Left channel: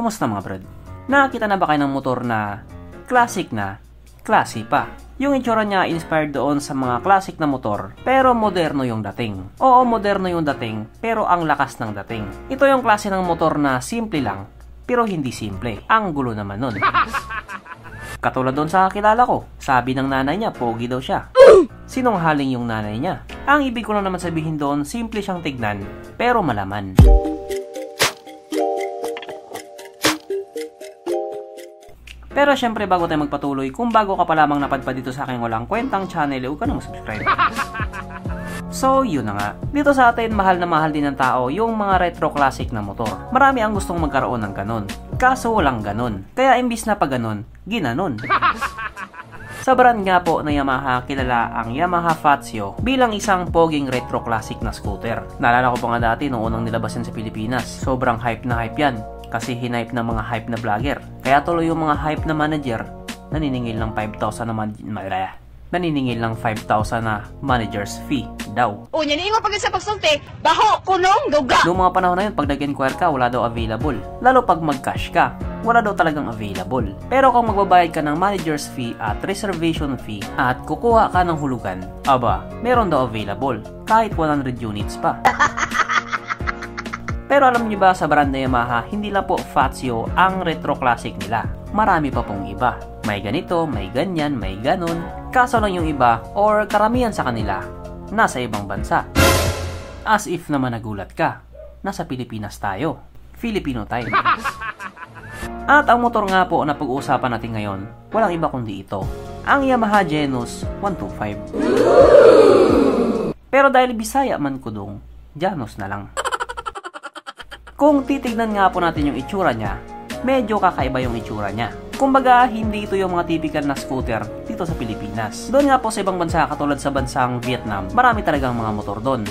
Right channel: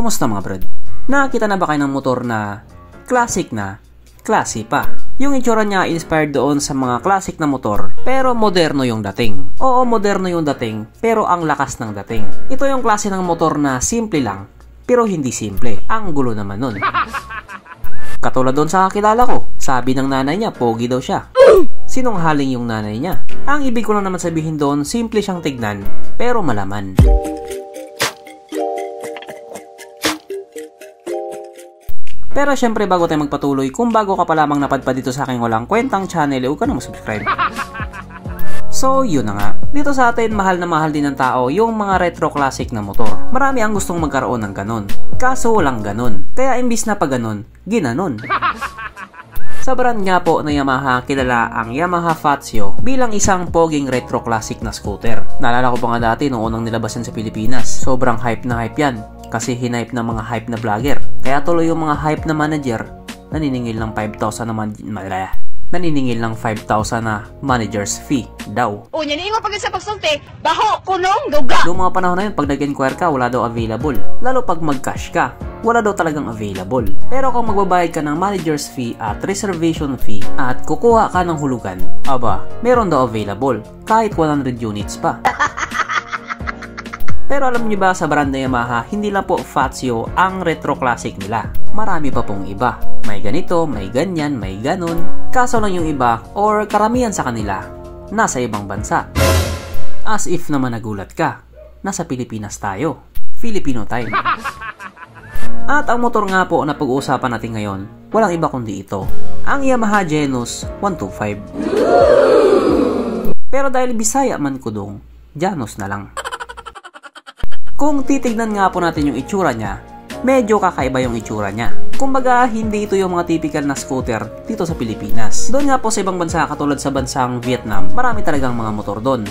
Kumusta mga brad? Nakakita na ba kayo ng motor na classic na, classy pa? Yung itsura niya inspired doon sa mga classic na motor, pero moderno yung dating. Oo, moderno yung dating, pero ang lakas ng dating. Ito yung klase ng motor na simple lang, pero hindi simple. Ang gulo naman nun. Katulad doon sa kakilala ko, sabi ng nanay niya, pogi daw siya. Sinunghaling yung nanay niya. Ang ibig ko lang naman sabihin doon, simple siyang tignan, pero malaman. Pero syempre bago tayo magpatuloy, kung bago ka pa lamang napadpad dito sa aking walang kwentang channel, huwag ka na mag-subscribe. So yun na nga, dito sa atin mahal na mahal din ng tao yung mga retro classic na motor. Marami ang gustong magkaroon ng ganon, kaso walang ganon. Kaya imbis na pa ganon, ginanon. Sa brand nga po na Yamaha, kilala ang Yamaha Fazio bilang isang poging retro classic na scooter. Naalala ko pa nga dati nung unang nilabasan sa Pilipinas, sobrang hype na hype yan. Kasi hinipe ng mga hype na vlogger. Kaya tuloy yung mga hype na manager naniningil ng 5,000 na manager's fee daw. O, yan yung pag sa pagsulti, baho, kunong, duga. Noong mga panahon na yun, pag nag-inquire ka, wala daw available. Lalo pag mag-cash ka, wala daw talagang available. Pero kung magbabayad ka ng manager's fee at reservation fee at kukuha ka ng hulugan, aba, meron daw available. Kahit 100 units pa. Pero alam niyo ba sa brand na Yamaha, hindi lang po Fazio ang retro classic nila. Marami pa pong iba. May ganito, may ganyan, may ganon. Kaso lang yung iba, or karamihan sa kanila, nasa ibang bansa. As if naman nagulat ka, nasa Pilipinas tayo. Filipino time. At ang motor nga po na pag-uusapan natin ngayon, walang iba kundi ito. Ang Yamaha Genus 125. Pero dahil Bisaya man kudong, Janus na lang. Kung titignan nga po natin yung itsura niya, medyo kakaiba yung itsura niya. Kumbaga, hindi ito yung mga typical na scooter dito sa Pilipinas. Doon nga po sa ibang bansa, katulad sa bansang Vietnam, marami talagang mga motor doon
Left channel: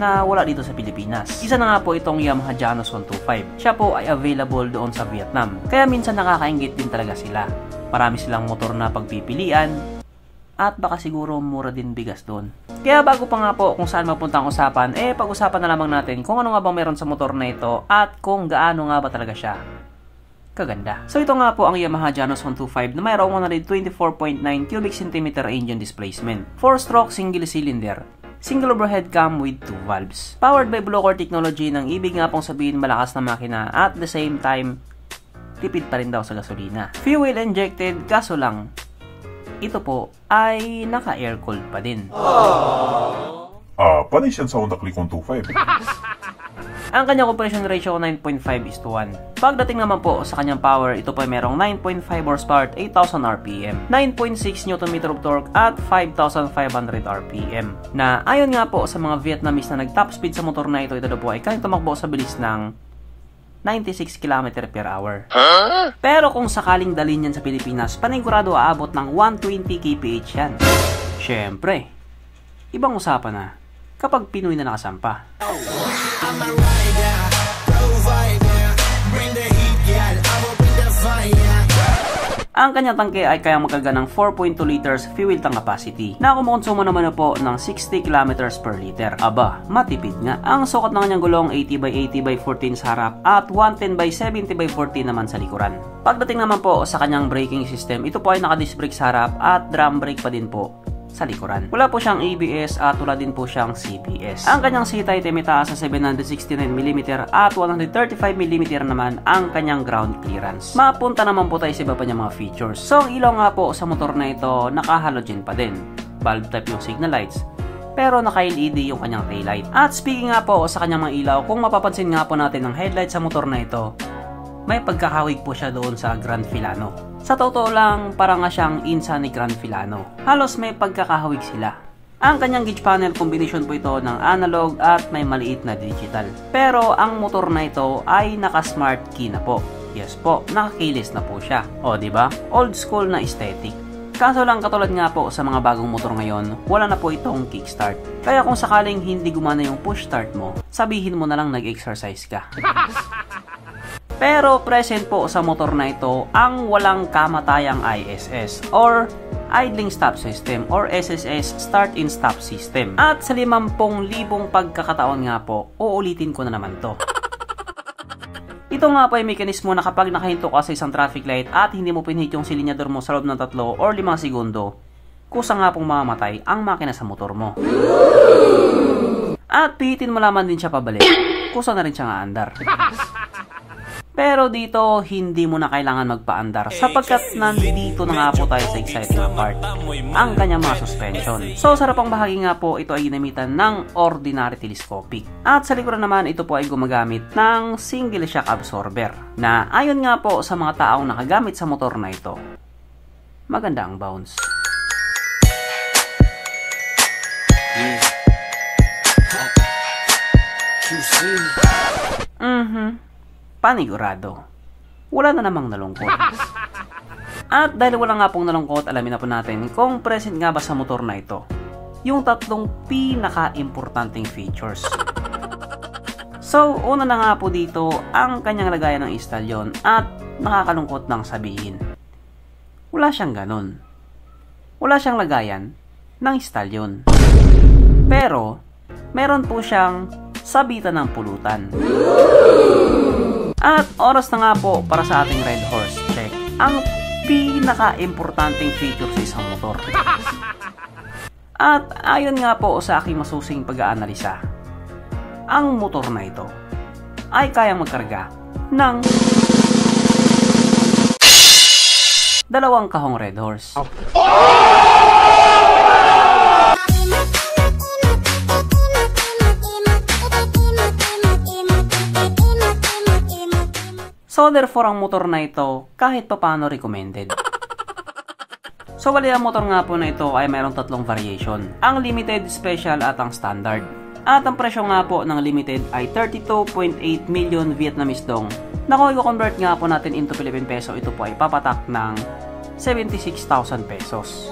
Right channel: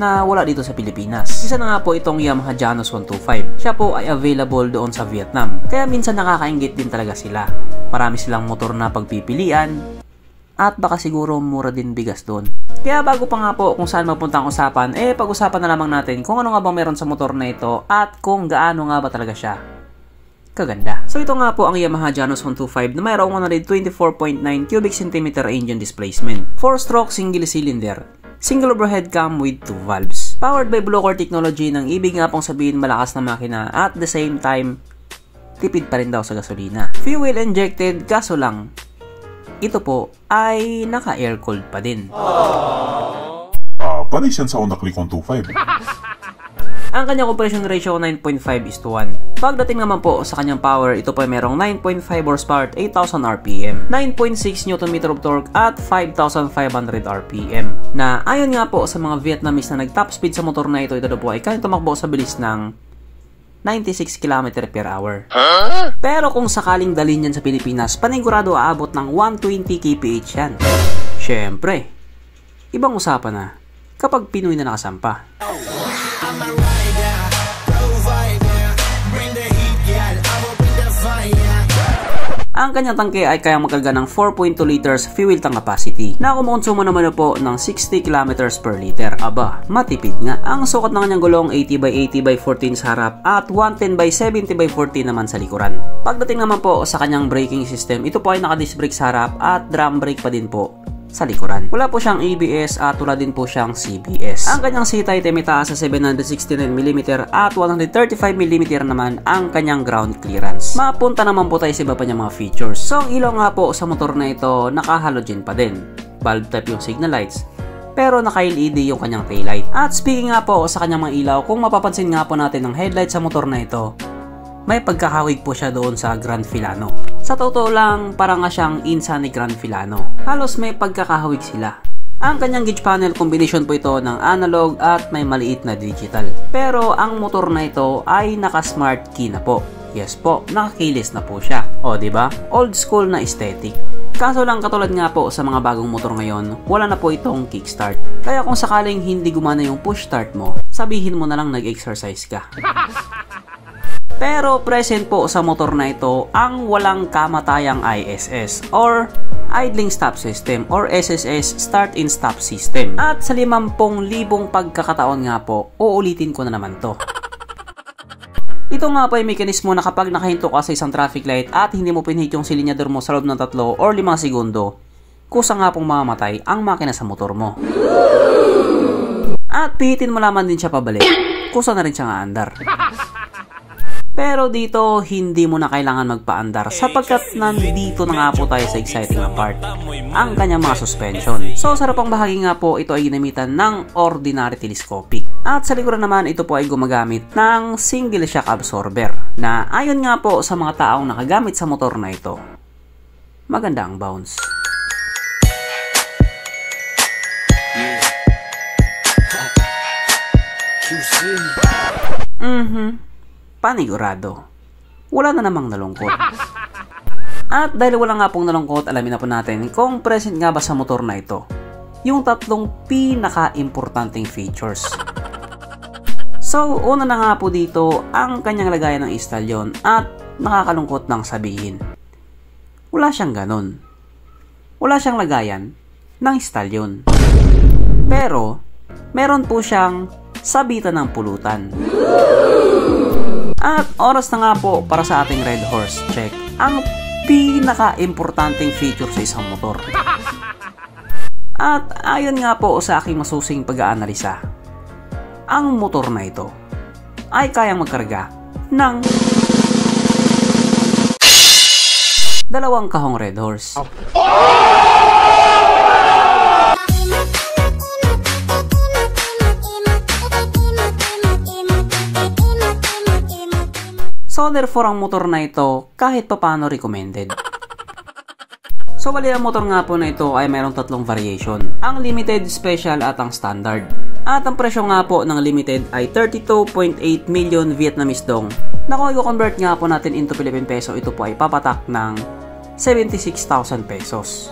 na wala dito sa Pilipinas. Isa na nga po itong Yamaha Janus 125. Siya po ay available doon sa Vietnam. Kaya minsan nakakainggit din talaga sila. Marami silang motor na pagpipilian. At baka siguro mura din bigas doon. Kaya bago pa nga po kung saan mapunta ang usapan, pag-usapan na lamang natin kung ano nga ba meron sa motor na ito at kung gaano nga ba talaga siya kaganda. So ito nga po ang Yamaha Janus 125 na mayroong 124.9 cubic centimeter engine displacement. 4-stroke single cylinder. Single overhead cam with 2 valves. Powered by Blue-Core technology ng ibig nga pong sabihin malakas na makina at the same time tipid pa rin daw sa gasolina. Fuel injected kaso lang ito po ay naka-air cooled pa din. Panay siyan sa Honda Click 125. Ang kanyang compression ratio 9.5:1. Pagdating naman po sa kanyang power, ito po ay merong 9.5 horsepower at 8,000 RPM, 9.6 Nm of torque at 5,500 RPM. Na ayon nga po sa mga Vietnamese na nag-top speed sa motor na ito daw po ay kayang tumakbo sa bilis ng 96 km/h. Pero kung sakaling dalhin yan sa Pilipinas, panigurado aabot ng 120 kph yan. Syempre, ibang usapan na kapag Pinoy na nakasampa. Ang kanyang tangke ay kayang magkarga ng 4.2 liters fuel tank capacity na kumukonsumo naman na po ng 60 kilometers per liter. Aba, matipid nga. Ang sukat ng kanyang gulong 80/80/14 sa harap at 110/70/14 naman sa likuran. Pagdating naman po sa kanyang braking system, ito po ay naka-disc brake sa harap at drum brake pa din po sa likuran. Wala po siyang ABS at wala din po siyang CBS. Ang kanyang seat height ay mataas sa 769mm at 135mm naman ang kanyang ground clearance. Mapunta naman po tayo sa iba pa niyang mga features. So ang ilaw nga po sa motor na ito naka-halogen pa din. Bulb type yung signal lights. Pero naka-LED yung kanyang taillight. At speaking nga po sa kanyang mga ilaw, kung mapapansin nga po natin ang headlight sa motor na ito, may pagkakawig po siya doon sa Grand Filano. Sa totoo lang, parang nga siyang insa ni Grand Filano. Halos may pagkakahawig sila. Ang kanyang gauge panel, combination po ito ng analog at may maliit na digital. Pero ang motor na ito ay naka-smart key na po. Yes po, naka-keyless na po siya. O diba? Old school na aesthetic. Kaso lang katulad nga po sa mga bagong motor ngayon, wala na po itong kickstart. Kaya kung sakaling hindi gumana yung push start mo, sabihin mo na lang nag-exercise ka. Pero present po sa motor na ito ang walang kamatayang ISS or Idling Stop System or SSS Start and Stop System. At sa 50,000 pagkakataon nga po, uulitin ko na naman to. Ito nga po ay mekanismo na kapag nakahinto ka sa isang traffic light at hindi mo pinhit yung silinyador mo sa loob ng 3 or 5 segundo, kusa nga pong mamamatay ang makina sa motor mo. At pihitin mo naman din siya pabalik, kusa na rin siyang aandar. Pero dito, hindi mo na kailangan magpaandar sapagkat nandito na nga po tayo sa exciting part, ang kanyang mga suspension. So sa harapang bahagi nga po, ito ay ginamitan ng ordinary telescopic. At sa likuran naman, ito po ay gumagamit ng single shock absorber na ayon nga po sa mga taong nakagamit sa motor na ito, maganda ang bounce. Panigurado. Wala na namang nalungkot. At dahil wala nga pong nalungkot, alamin na po natin kung present nga ba sa motor na ito yung 3 pinaka-importanting features. So, una na nga po dito ang kanyang lagayan ng istalyon at nakakalungkot nang sabihin, wala siyang ganun. Wala siyang lagayan ng istalyon. Pero, meron po siyang sabitan ng pulutan. At oras na nga po para sa ating Red Horse check ang pinaka-importanting feature sa isang motor. At ayon nga po sa aking masusing pag-aanalisa, ang motor na ito ay kayang magkarga ng 2 kahong Red Horse. So therefore ang motor na ito kahit papano recommended. So bali ang motor nga po na ito ay mayroong 3 variation, ang limited, special at ang standard. At ang presyo nga po ng limited ay 32.8 million Vietnamese dong, na kung i-convert nga po natin into Philippine peso, ito po ay papatak ng 76,000 pesos.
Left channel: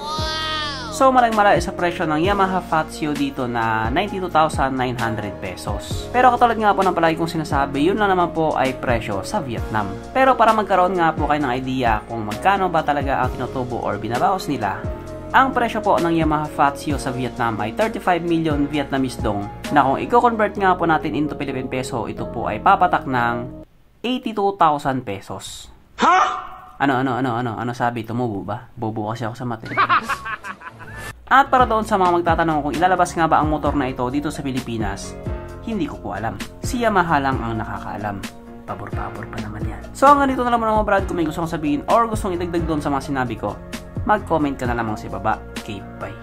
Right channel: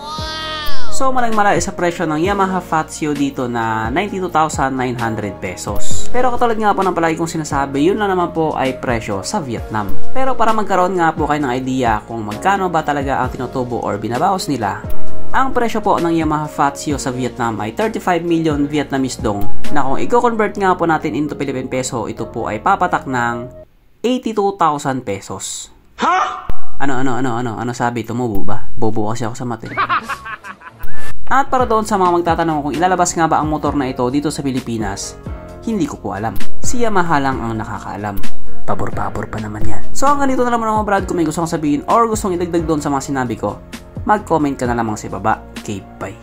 So malang-mala sa presyo ng Yamaha Fazio dito na 92,900 pesos. Pero katulad nga po ng palagi kong sinasabi, yun lang naman po ay presyo sa Vietnam. Pero para magkaroon nga po kayo ng idea kung magkano ba talaga ang tinutubo or binabawas nila, ang presyo po ng Yamaha Fazio sa Vietnam ay 35 million Vietnamese dong, na kung i-convert nga po natin into Philippine peso, ito po ay papatak ng 82,000 pesos. Ha? Ano sabi? Tumubo ba? Bobo kasi ako sa mata. At para doon sa mga magtatanong kung ilalabas nga ba ang motor na ito dito sa Pilipinas, hindi ko po alam. Si Yamaha lang ang nakakaalam. Pabor-pabor pa naman yan. So hanggang dito na naman mga brad. Kung may gusto kong sabihin or gustong idagdag doon sa mga sinabi ko, mag-comment ka na lamang sa baba. Okay, bye.